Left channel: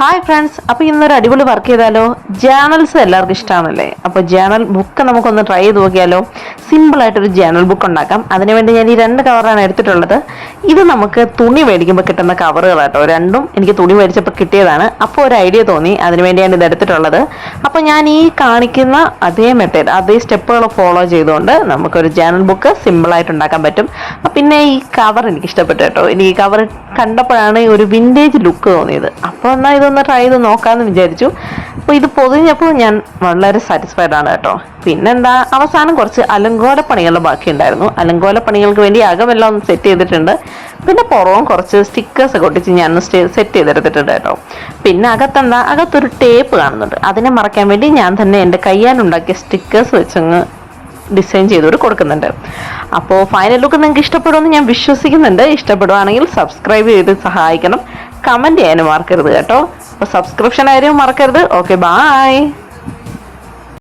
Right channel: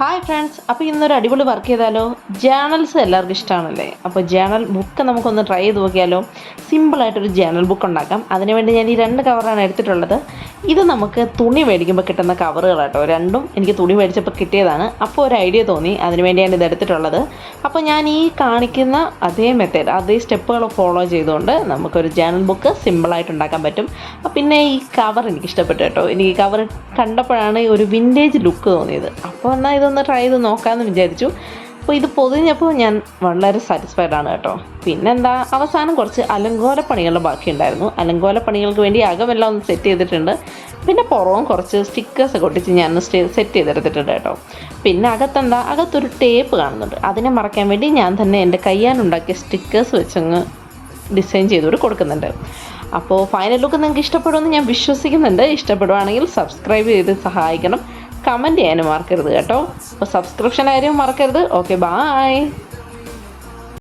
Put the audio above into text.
Hi friends, അപ്പോൾ ഇന്നൊരു അടിപൊളി വർക്ക് ചെയ്താലോ? ജേണൽസ് എല്ലാവർക്കും ഇഷ്ടമാണല്ലേ? അപ്പോൾ ജേണൽ ബുക്ക് നമുക്കൊന്ന് ട്രൈ ചെയ്ത് നോക്കിയാലോ? സിമ്പിളായിട്ടൊരു ജേണൽ ബുക്ക് ഉണ്ടാക്കാം. അതിനുവേണ്ടി ഞാൻ ഈ 2 കവറാണ് എടുത്തിട്ടുള്ളത്. ഇത് നമുക്ക് തുണി മേടിക്കുമ്പോൾ കിട്ടുന്ന കവറുകളാട്ടോ. രണ്ടും എനിക്ക് തുണി മേടിച്ചപ്പോൾ കിട്ടിയതാണ്. അപ്പോൾ ഒരു ഐഡിയ തോന്നി, അതിനുവേണ്ടി ഞാൻ ഇത് എടുത്തിട്ടുള്ളത്. അപ്പോൾ ഞാൻ ഈ കാണിക്കുന്ന അതേ മെത്തേഡ്, അതേ സ്റ്റെപ്പുകൾ ഫോളോ ചെയ്തുകൊണ്ട് നമുക്കൊരു ജേണൽ ബുക്ക് സിമ്പിളായിട്ട് ഉണ്ടാക്കാൻ പറ്റും. പിന്നെ ഈ കവർ എനിക്ക് ഇഷ്ടപ്പെട്ടു കേട്ടോ. എനിക്ക് ഈ കവർ കണ്ടപ്പോഴാണ് ഒരു വിൻറ്റേജ് ലുക്ക് തോന്നിയത്. അപ്പോൾ എന്നാൽ ഇതൊന്ന് ട്രൈ ചെയ്ത് നോക്കാമെന്ന് വിചാരിച്ചു. അപ്പോൾ ഇത് പൊതിഞ്ഞപ്പോൾ ഞാൻ വളരെ സാറ്റിസ്ഫൈഡ് ആണ് കേട്ടോ. പിന്നെന്താ, അവസാനം കുറച്ച് അലങ്കോല പണികൾ ബാക്കിയുണ്ടായിരുന്നു. അലങ്കോല പണികൾക്ക് വേണ്ടി അകമെല്ലാം ഒന്ന് സെറ്റ് ചെയ്തിട്ടുണ്ട്. പിന്നെ പുറവും കുറച്ച് സ്റ്റിക്കേഴ്സ് ഒക്കെ ഒട്ടിച്ച് ഞാൻ സെറ്റ് ചെയ്തെടുത്തിട്ടുണ്ട് കേട്ടോ. പിന്നെ അകത്തൊരു ടേപ്പ് കാണുന്നുണ്ട്. അതിനെ മറയ്ക്കാൻ വേണ്ടി ഞാൻ തന്നെ എൻ്റെ കയ്യാലുണ്ടാക്കിയ സ്റ്റിക്കേഴ്സ് വെച്ചങ്ങ് ഡിസൈൻ ചെയ്തുകൊണ്ട് കൊടുക്കുന്നുണ്ട്. അപ്പോൾ ഫൈനൽ ലുക്ക് നിങ്ങൾക്ക് ഇഷ്ടപ്പെടുമെന്ന് ഞാൻ വിശ്വസിക്കുന്നുണ്ട്. ഇഷ്ടപ്പെടുവാണെങ്കിൽ സബ്സ്ക്രൈബ് ചെയ്ത് സഹായിക്കണം. കമൻറ്റ് ചെയ്യാനും മറക്കരുത് കേട്ടോ. അപ്പോൾ സബ്സ്ക്രിപ്ഷൻ ആരും മറക്കരുത്. Okay, bye.